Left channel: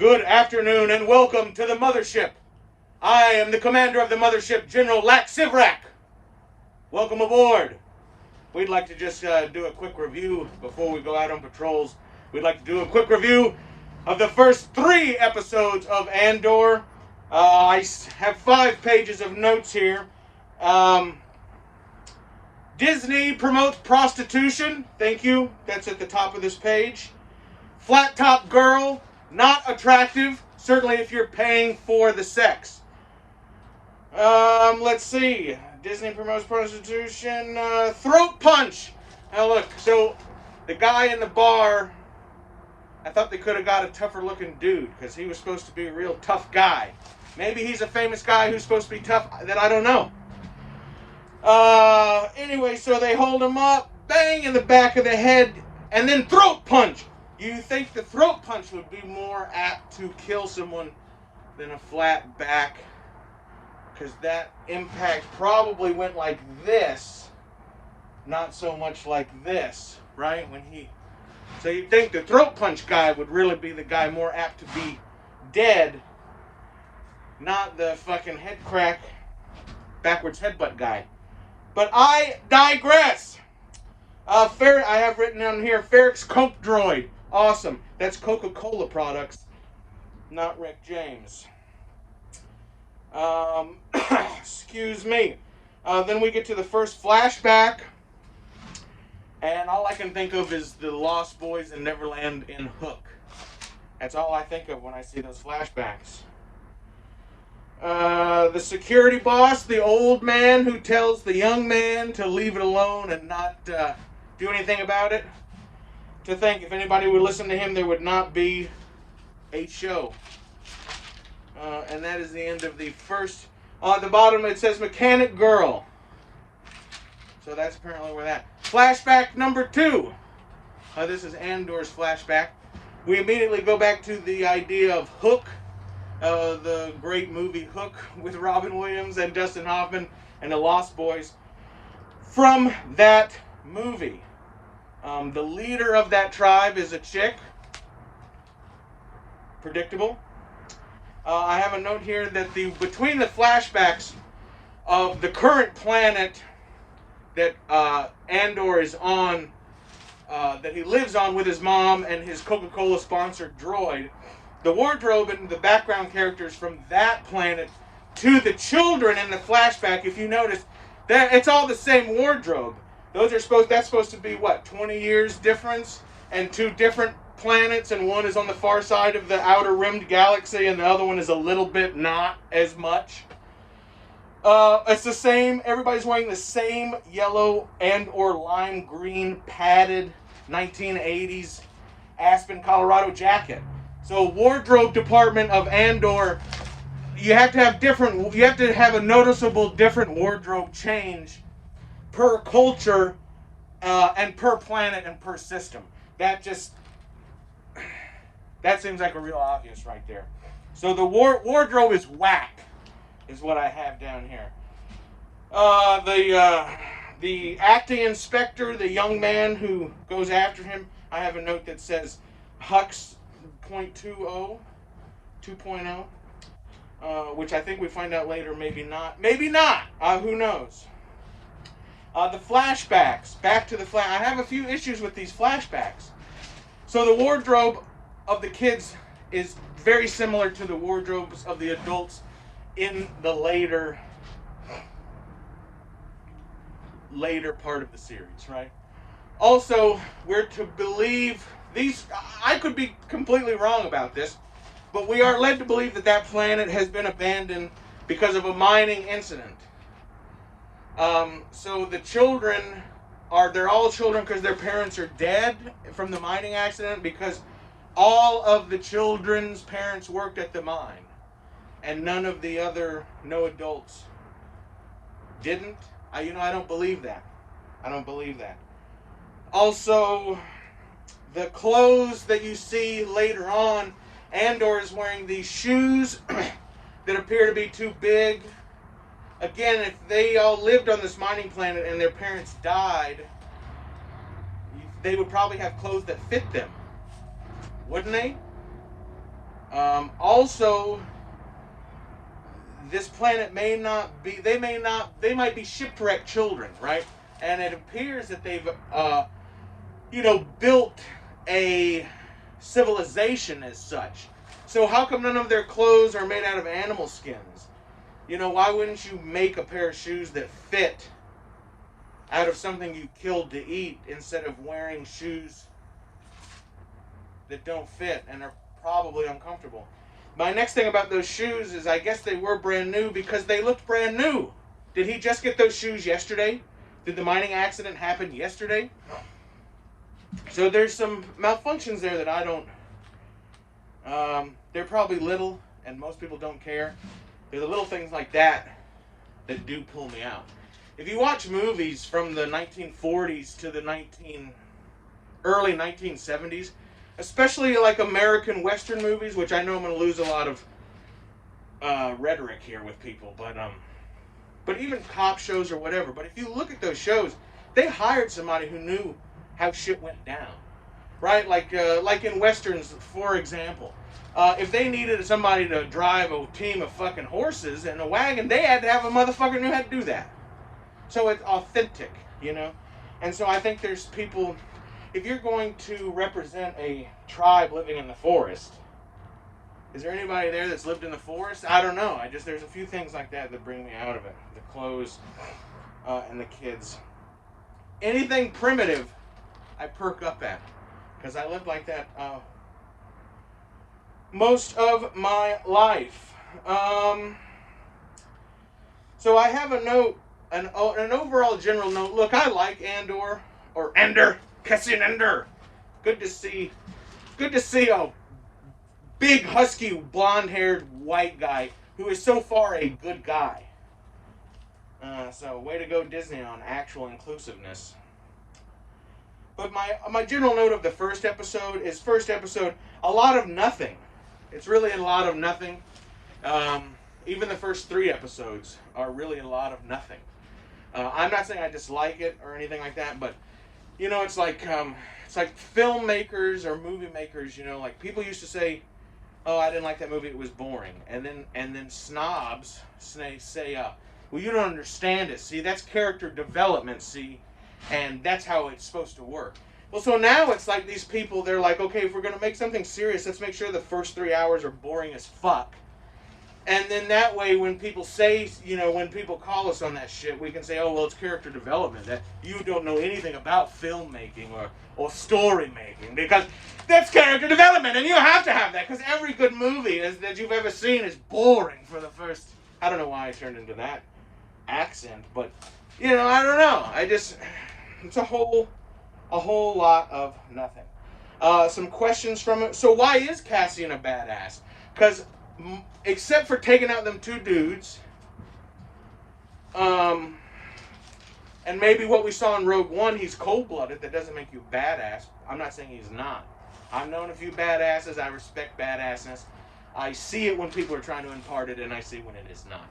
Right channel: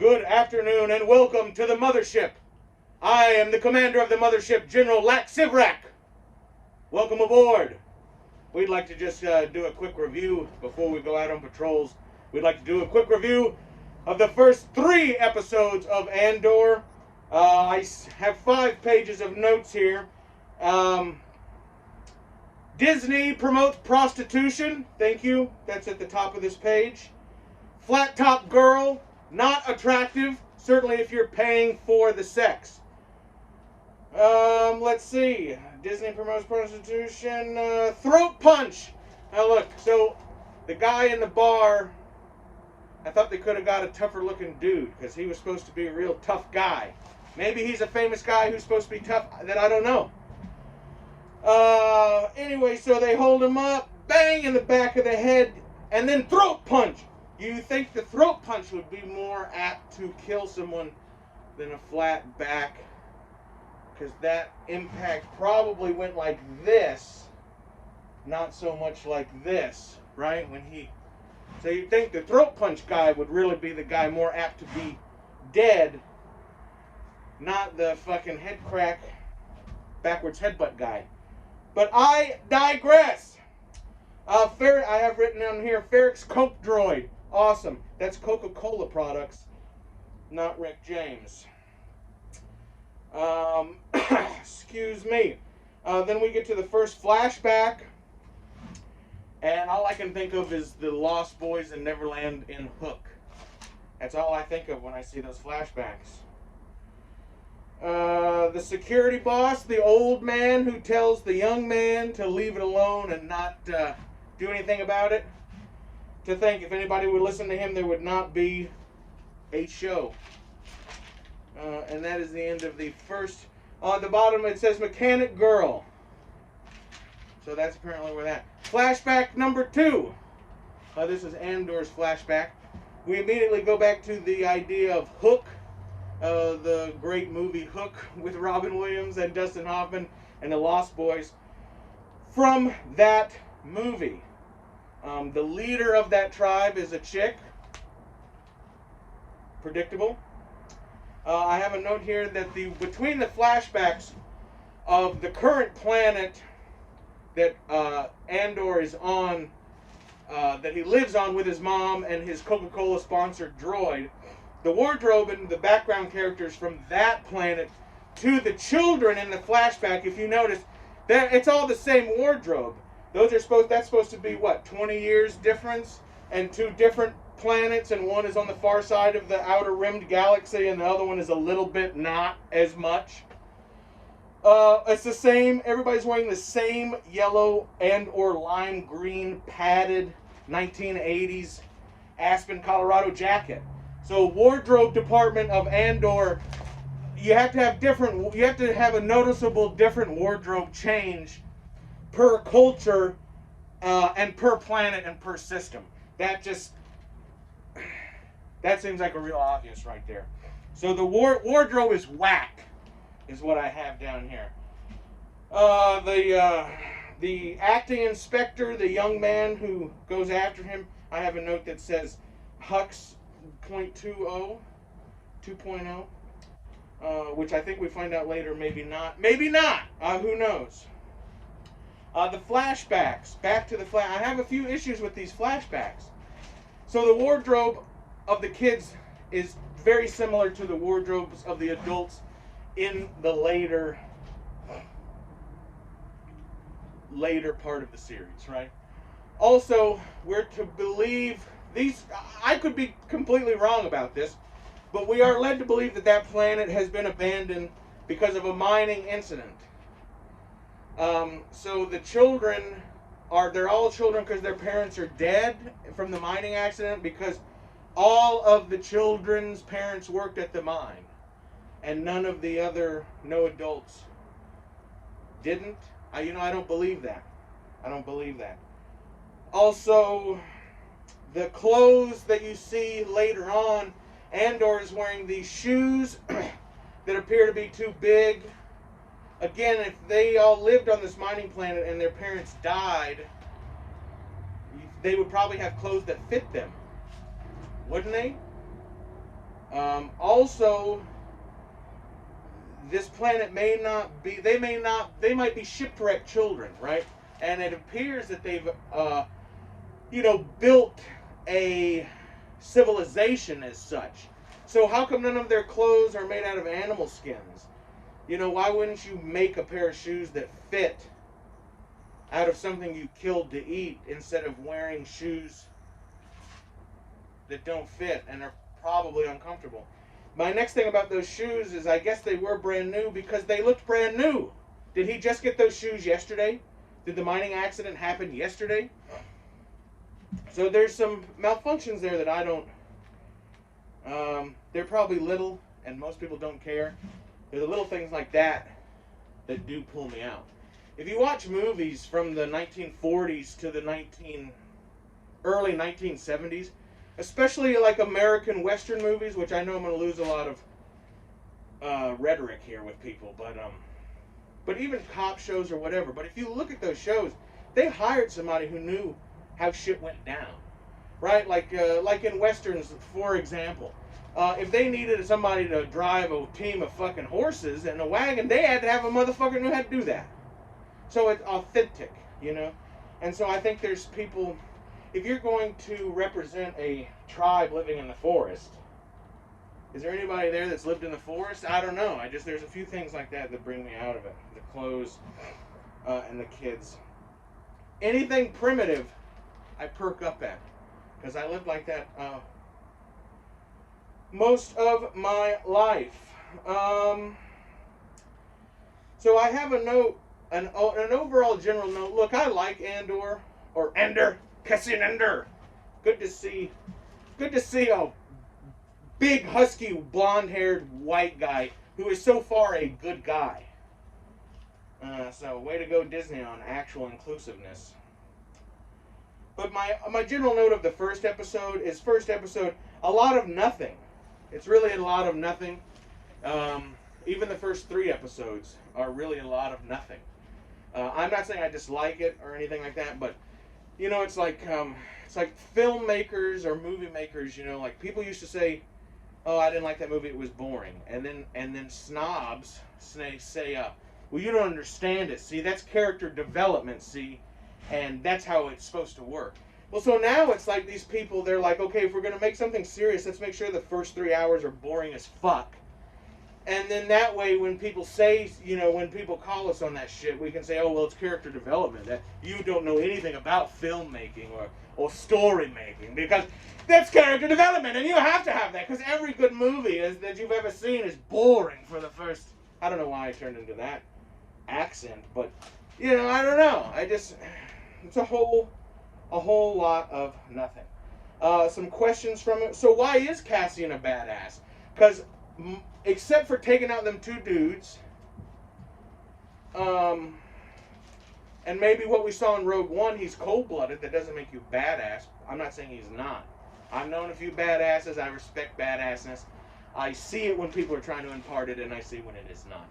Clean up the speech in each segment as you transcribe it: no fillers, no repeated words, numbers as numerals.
Good afternoon and welcome to the mothership. I am the commander of the mothership, General Lak Sivrak. Welcome aboard. We'd like to just do a quick review before we go out on patrols. We'd like to do a quick review of the first 3 episodes of Andor. I have 5 pages of notes here. Disney promotes prostitution. Thank you. That's at the top of this page. Flat top girl. Not attractive, certainly if you're paying for the sex. Let's see. Disney promotes prostitution. Throat punch. Now look, so the guy in the bar, I thought they could have got a tougher looking dude because he was supposed to be a real tough guy. Maybe he's a famous guy who's supposed to be tough that I don't know. Anyway, so they hold him up, bang in the back of the head, and then throat punch. You think the throat punch would be more apt to kill someone than a flat back, because that impact probably went like this, not so much like this, right? So you'd think the throat punch guy would really be the guy more apt to be dead, not the fucking head crack, backwards headbutt guy. But I digress. I have written down here, Ferrix Coke Droid. Awesome. That's Coca-Cola products, not Rick James. Excuse me. Then we get to the first flashback, and all I can think of is the Lost Boys in Neverland in Hook. That's all I think of when I see those flashbacks. The security boss, the old man who tells the young man to leave it alone and not do anything about it. To think if anybody would listen to him, there would not be a show. And that is the end of the first. On the bottom it says Mechanic Girl. So that's apparently where that. Flashback number 2. This is Andor's flashback. We immediately go back to the idea of Hook. The great movie Hook with Robin Williams and Dustin Hoffman and the Lost Boys. From that movie. The leader of that tribe is a chick. Predictable. I have a note here that between the flashbacks of the current planet that Andor is on, that he lives on with his mom and his Coca-Cola sponsored droid, the wardrobe and the background characters from that planet to the children in the flashback, if you notice, that it's all the same wardrobe. That's supposed to be, what, 20 years difference? And 2 different planets, and one is on the far side of the outer rimmed galaxy, and the other one is a little bit not as much. It's the same, everybody's wearing the same yellow and or lime green padded 1980s Aspen, Colorado jacket. So wardrobe department of Andor, you have to have a noticeable different wardrobe change per culture, and per planet and per system. That seems like a real obvious right there. So the wardrobe is whack, is what I have down here. The acting inspector, the young man who goes after him, I have a note that says Hux 2.0, which I think we find out later, maybe not. Who knows? The flashbacks. Back to the I have a few issues with these flashbacks. So the wardrobe of the kids is very similar to the wardrobes of the adults in the later part of the series, right? Also, we're to believe these. I could be completely wrong about this, but we are led to believe that planet has been abandoned because of a mining incident. So the children they're all children because their parents are dead from the mining accident, because all of the children's parents worked at the mine and none of the no adults didn't. I don't believe that. Also, the clothes that you see later on, Andor is wearing these shoes that appear to be too big. Again, if they all lived on this mining planet and their parents died, they would probably have clothes that fit them. Wouldn't they? Also, this planet may not be, they might be shipwrecked children, right? And it appears that they've, built a civilization as such. So how come none of their clothes are made out of animal skins? Why wouldn't you make a pair of shoes that fit out of something you killed to eat instead of wearing shoes that don't fit and are probably uncomfortable? My next thing about those shoes is I guess they were brand new because they looked brand new. Did he just get those shoes yesterday? Did the mining accident happen yesterday? So there's some malfunctions there that I don't... they're probably little, and most people don't care. They're the little things like that that do pull me out. If you watch movies from the 1940s to the early 1970s, especially like American Western movies, which I know I'm going to lose a lot of rhetoric here with people, but even cop shows or whatever. But if you look at those shows, they hired somebody who knew how shit went down, right? Like in Westerns, for example. If they needed somebody to drive a team of fucking horses in a wagon, they had to have a motherfucker who knew how to do that. So it's authentic, And so I think there's people, if you're going to represent a tribe living in the forest, is there anybody there that's lived in the forest? I don't know. There's a few things like that that bring me out of it. The clothes and the kids. Anything primitive, I perk up at. Because I lived like that most of my life. So I have a note, an overall general note. Look, I like Andor, or Andor, Cassian Andor. Good to see a big, husky, blonde-haired white guy who is so far a good guy. So way to go, Disney, on actual inclusiveness. But my general note of the first episode is a lot of nothing. It's really a lot of nothing. Even the first 3 episodes are really a lot of nothing. I'm not saying I dislike it or anything like that, but it's like filmmakers or movie makers. Like people used to say, "Oh, I didn't like that movie; it was boring," and then snobs say, "Well, you don't understand it. See, that's character development. See, and that's how it's supposed to work." Well, so now it's like these people, they're like, okay, if we're going to make something serious, let's make sure the first 3 hours are boring as fuck. And then that way, when people say, when people call us on that shit, we can say, oh, well, it's character development. That you don't know anything about filmmaking or story making, because that's character development, and you have to have that, because every good movie that you've ever seen is boring for the first... I don't know why I turned into that accent, but, I don't know. It's a whole lot of nothing. Some questions from it. So why is Cassian a badass? Because except for taking out them 2 dudes, and maybe what we saw in Rogue One, he's cold-blooded. That doesn't make you badass. I'm not saying he's not. I've known a few badasses. I respect badassness. I see it when people are trying to impart it, and I see when it is not.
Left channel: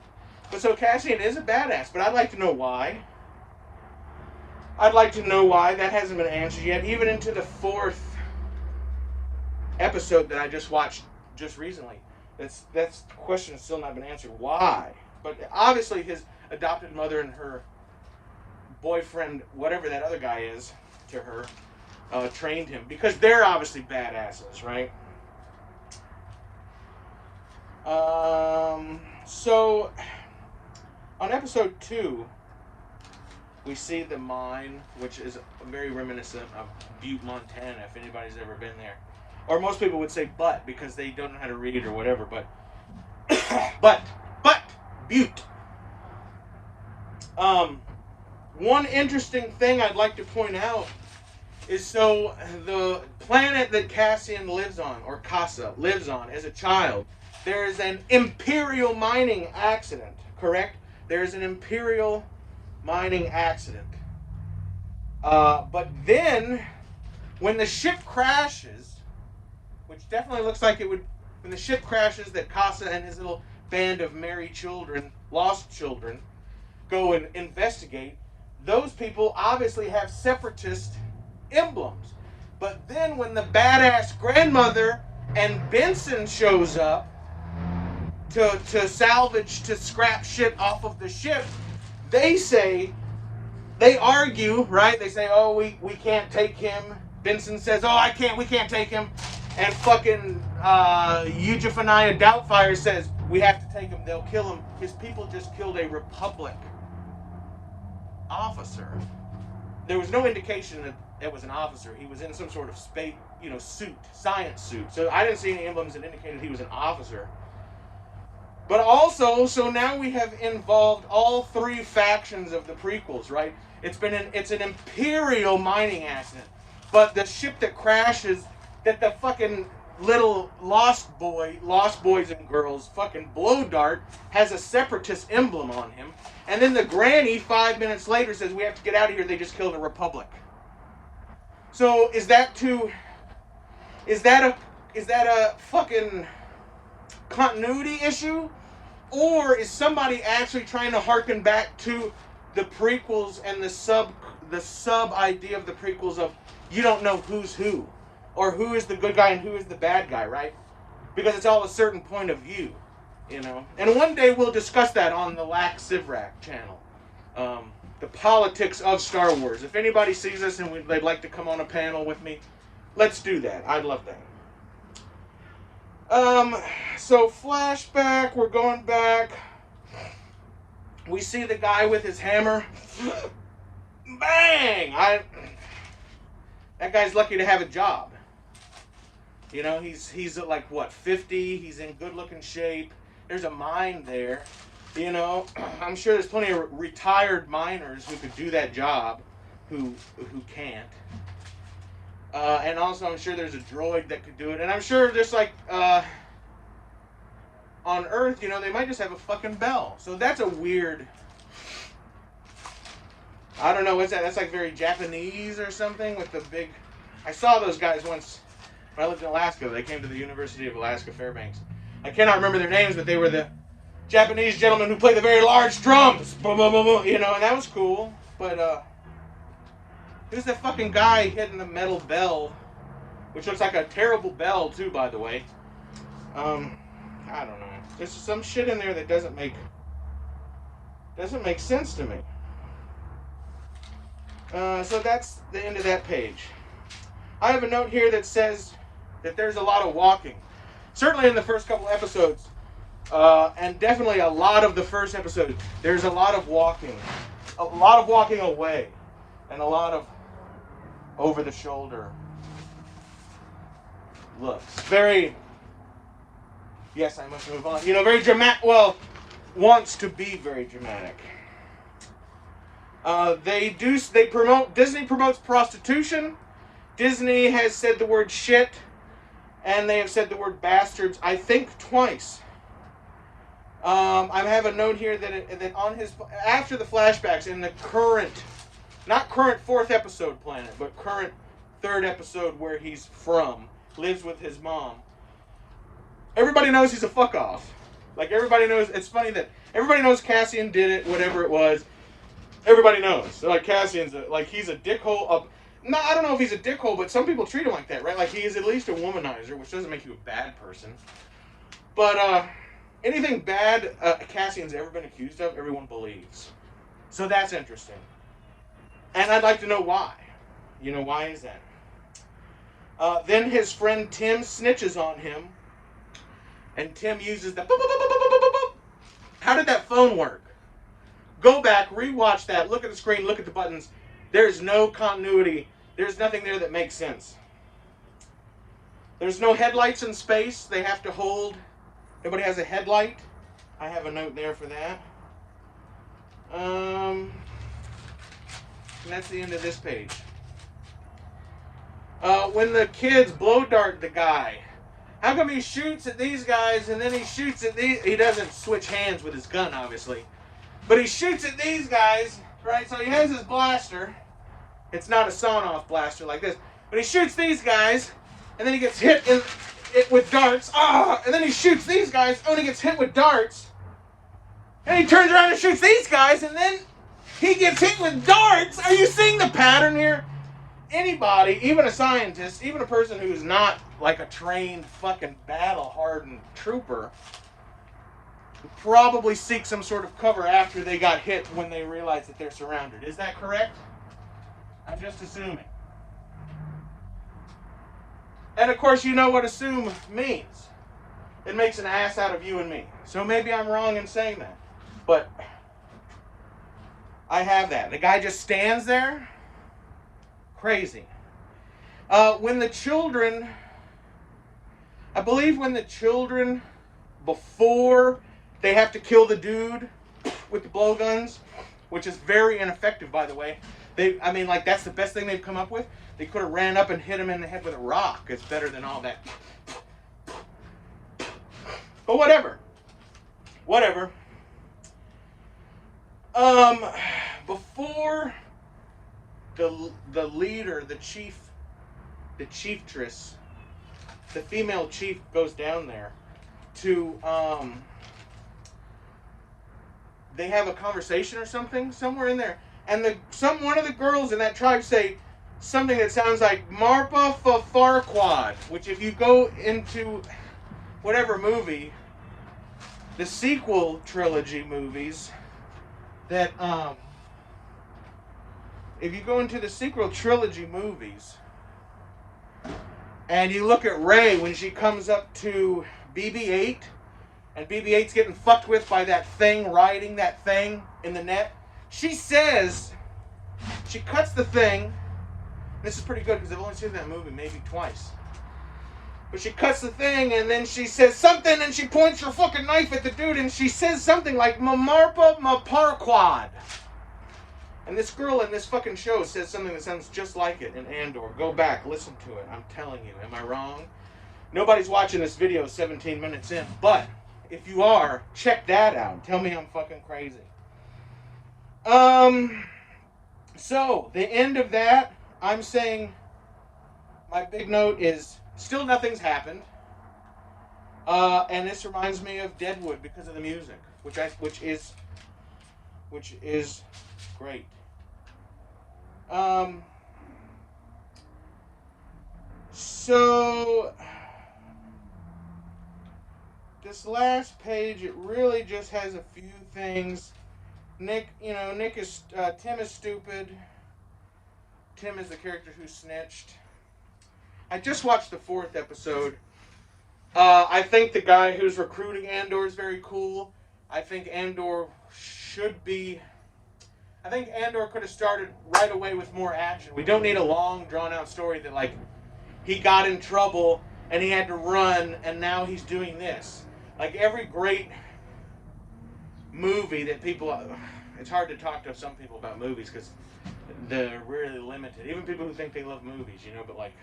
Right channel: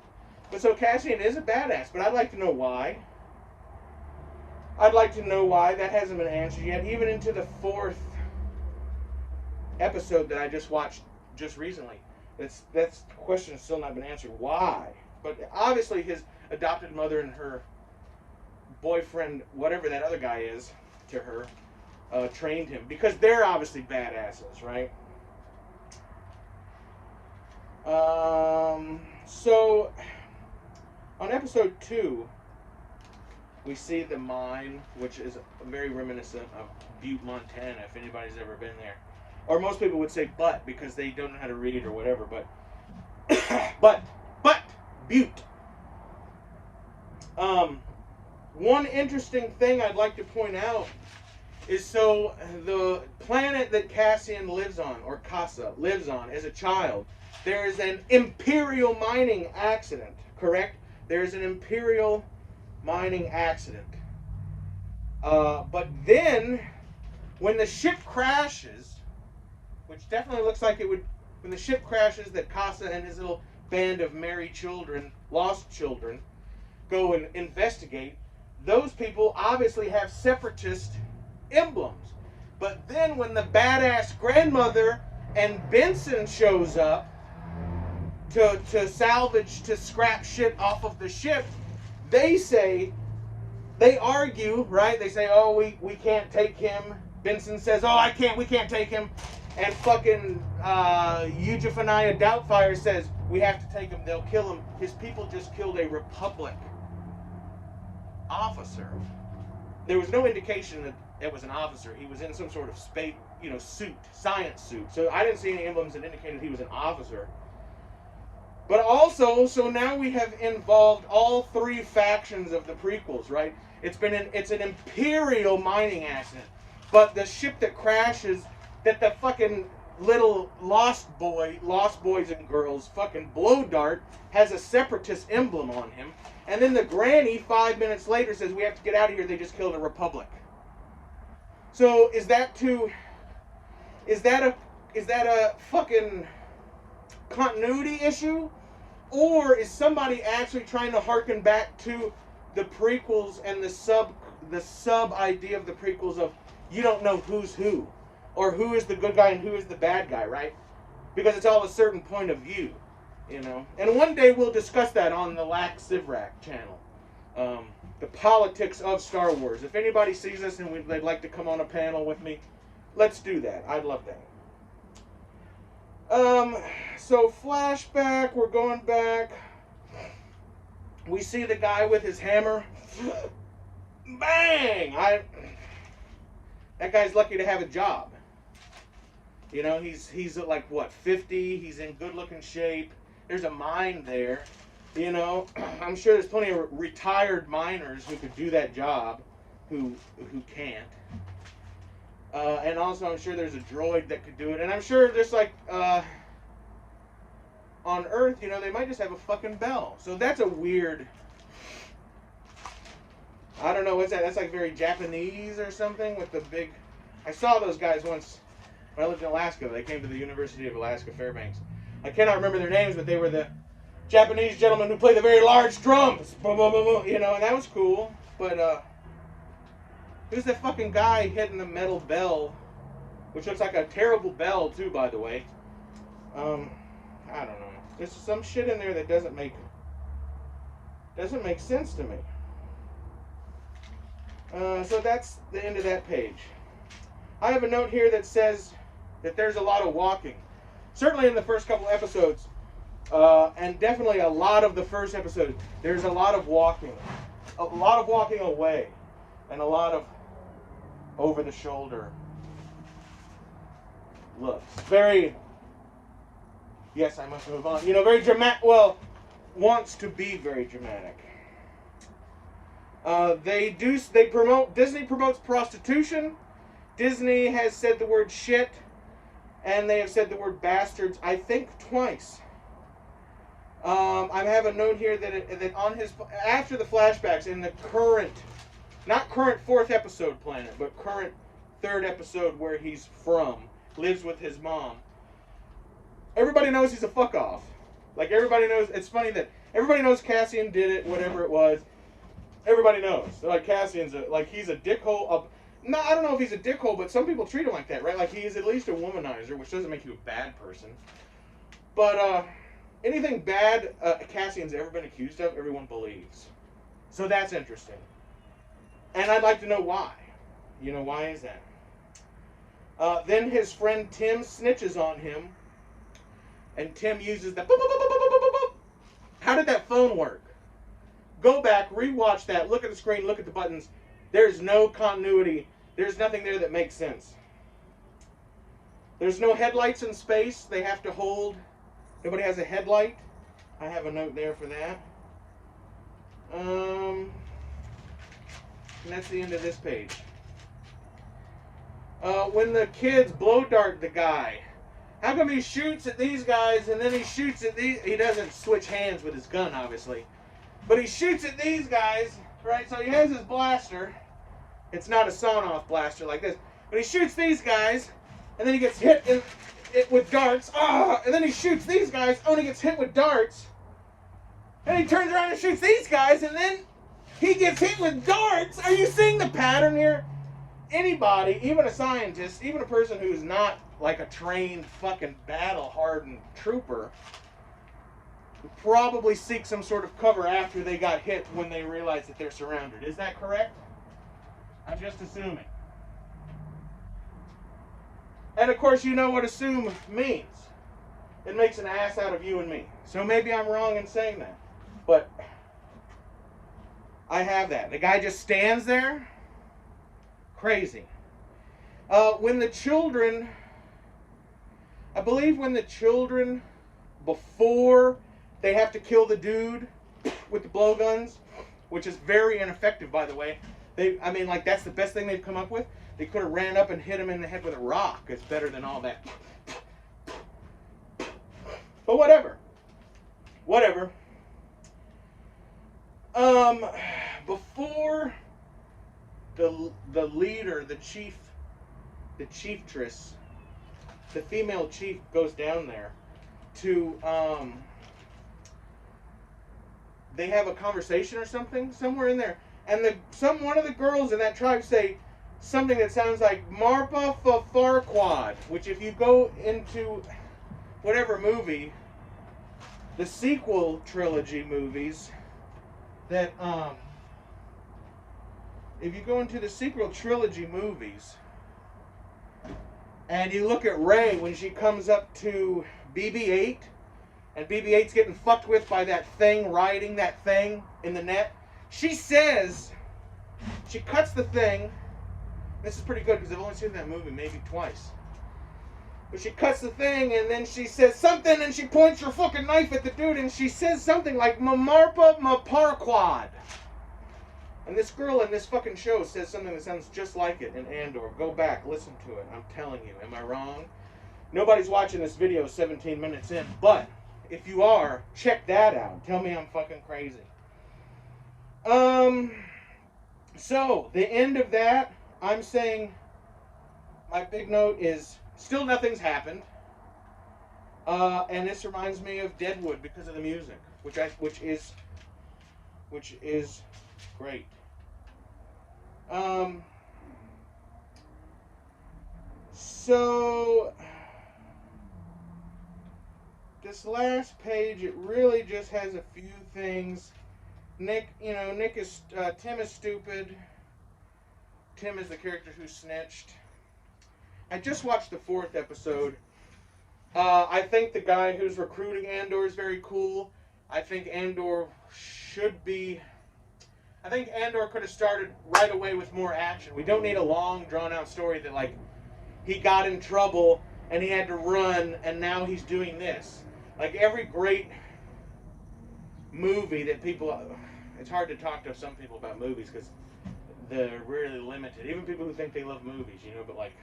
But so Cassian is a badass, but I'd like to know why. That hasn't been answered yet. Even into the 4th episode that I just watched just recently, that's question has still not been answered. Why? But obviously his adopted mother and her boyfriend, whatever that other guy is to her, trained him, because they're obviously badasses, right? So on episode 2, we see the mine, which is very reminiscent of Butte, Montana, if anybody's ever been there. Or most people would say Butte, because they don't know how to read or whatever, but Butte. One interesting thing I'd like to point out is, so the planet that Cassian lives on, or Casa lives on as a child, there is an imperial mining accident, correct? There is an imperial mining accident. But then, when the ship crashes, which definitely looks like it would, when the ship crashes, that Casa and his little band of merry children, lost children, go and investigate, those people obviously have separatist emblems. But then when the badass grandmother and Benson shows up to salvage, to scrap shit off of the ship, they argue, right? They say, oh, we can't take him. Benson says, oh, we can't take him. And fucking Eugephaniah Doubtfire says, we have to take him, they'll kill him. His people just killed a Republic officer. There was no indication that it was an officer. He was in some sort of space, suit, science suit. So I didn't see any emblems that indicated he was an officer. But also, so now we have involved all three factions of the prequels, right? It's an Imperial mining accident. But the ship that crashes, that the fucking little lost boys and girls fucking blow dart has a separatist emblem on him. And then the granny 5 minutes later says, we have to get out of here, they just killed a Republic. So is that a fucking continuity issue? Or is somebody actually trying to harken back to the prequels and the sub idea of the prequels of you don't know who's who, or who is the good guy and who is the bad guy, right? Because it's all a certain point of view, And one day we'll discuss that on the Lak Sivrak channel. The politics of Star Wars. If anybody sees this and they'd like to come on a panel with me, let's do that. I'd love that. So flashback, we're going back. We see the guy with his hammer. Bang! That guy's lucky to have a job. He's at like what, 50? He's in good looking shape. There's a mine there. I'm sure there's plenty of retired miners who could do that job who can't. And also I'm sure there's a droid that could do it. And I'm sure just like on Earth, they might just have a fucking bell. So that's a weird, I don't know, what's that? That's like very Japanese or something with the big, I saw those guys once when I lived in Alaska. They came to the University of Alaska Fairbanks. I cannot remember their names, but they were the Japanese gentlemen who play the very large drums. Boom, boom, boom, boom, and that was cool. But who's that fucking guy hitting the metal bell, which looks like a terrible bell too, by the way. I don't know. There's some shit in there that doesn't make sense to me. So that's the end of that page. I have a note here that says that there's a lot of walking. Certainly in the first couple episodes, and definitely a lot of the first episode, there's a lot of walking. A lot of walking away, and a lot of over the shoulder looks. Very, yes, I must move on. Very dramatic, wants to be very dramatic. Disney promotes prostitution. Disney has said the word shit, and they have said the word bastards, I think, twice. I have a note here that on his, after the flashbacks in the current, not current 4th episode planet, but current 3rd episode where he's from, lives with his mom. Everybody knows he's a fuck off. Like, everybody knows. It's funny that everybody knows Cassian did it, whatever it was. Everybody knows. Like, Cassian's he's a dickhole. No, I don't know if he's a dickhole, but some people treat him like that, right? Like, he is at least a womanizer, which doesn't make you a bad person. But anything bad Cassian's ever been accused of, everyone believes. So that's interesting. And I'd like to know why. Why is that? Then his friend Tim snitches on him. And Tim uses the boop, boop, boop, boop, boop, boop, boop. How did that phone work? Go back, rewatch that, look at the screen, look at the buttons. There's no continuity. There's nothing there that makes sense. There's no headlights in space. They have to hold. Nobody has a headlight. I have a note there for that. And that's the end of this page. When the kids blow dart the guy, how come he shoots at these guys and then he shoots at these? He doesn't switch hands with his gun, obviously. But he shoots at these guys, right? So he has his blaster. It's not a sawn-off blaster like this. But he shoots these guys, and then he gets hit with darts. And then he shoots these guys. Oh, and he gets hit with darts. And he turns around and shoots these guys, and then he gets hit with darts. Are you seeing the pattern here? Anybody, even a scientist, even a person who is not like a trained fucking battle-hardened trooper, would probably seek some sort of cover after they got hit when they realize that they're surrounded. Is that correct? I'm just assuming. And of course, you know what assume means. It makes an ass out of you and me. So maybe I'm wrong in saying that. But I have that. The guy just stands there. Crazy. When the children, I believe when the children, before they have to kill the dude with the blowguns, which is very ineffective, by the way. That's the best thing they've come up with. They could have ran up and hit him in the head with a rock. It's better than all that. But whatever. Before the leader, the chieftress, the female chief goes down there to, they have a conversation or something somewhere in there, and one of the girls in that tribe say something that sounds like Marpa Farquad, which if you go into whatever movie, the sequel trilogy movies, that if you go into the sequel trilogy movies and you look at Rey when she comes up to BB-8 and BB-8's getting fucked with by that thing riding that thing in the net, she says, she cuts the thing. This is pretty good because I've only seen that movie maybe twice. But she cuts the thing and then she says something and she points her fucking knife at the dude and she says something like Mamarpa Maparquad. And this girl in this fucking show says something that sounds just like it in Andor. Go back, listen to it. I'm telling you, am I wrong? Nobody's watching this video 17 minutes in, but if you are, check that out. Tell me I'm fucking crazy. So, the end of that, I'm saying my big note is still nothing's happened. And this reminds me of Deadwood because of the music, which is great. So this last page, it really just has a few things. Tim is stupid. Tim is the character who snitched. I just watched the 4th episode. I think the guy who's recruiting Andor is very cool. I think Andor could have started right away with more action. We don't need a long, drawn-out story that, like, he got in trouble and he had to run and now he's doing this. Like, every great movie that people... It's hard to talk to some people about movies because they're really limited. Even people who think they love movies, but like...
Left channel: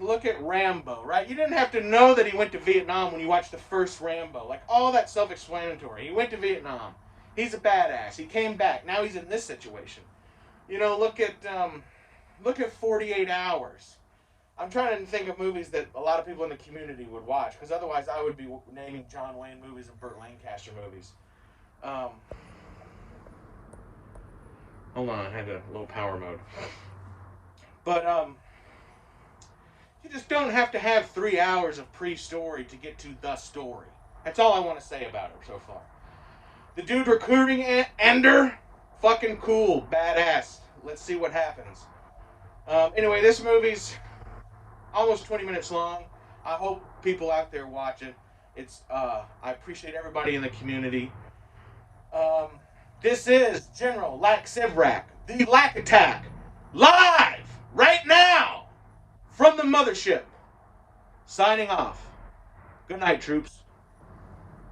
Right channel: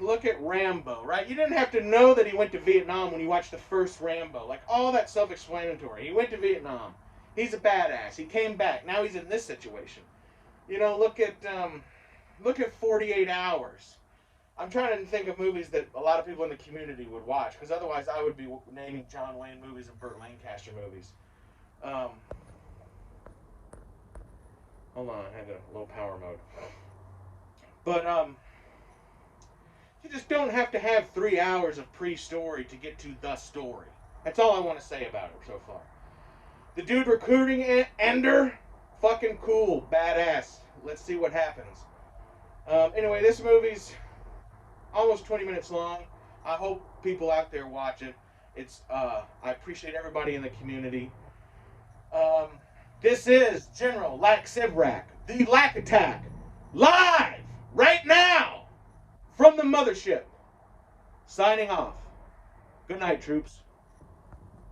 look at Rambo, right? You didn't have to know that he went to Vietnam when you watched the first Rambo. Like, all that self-explanatory. He went to Vietnam. He's a badass. He came back. Now he's in this situation. Look at 48 Hours. I'm trying to think of movies that a lot of people in the community would watch, because otherwise I would be naming John Wayne movies and Burt Lancaster movies. Hold on, I had a low power mode. But, you just don't have to have 3 hours of pre-story to get to the story. That's all I want to say about it so far. The dude recruiting Andor, fucking cool, badass. Let's see what happens. Anyway, this movie's almost 20 minutes long. I hope people out there watch it. I appreciate everybody in the community. This is General Lak Sivrak, the Lak Attack, live right now from the mothership. Signing off. Good night, troops.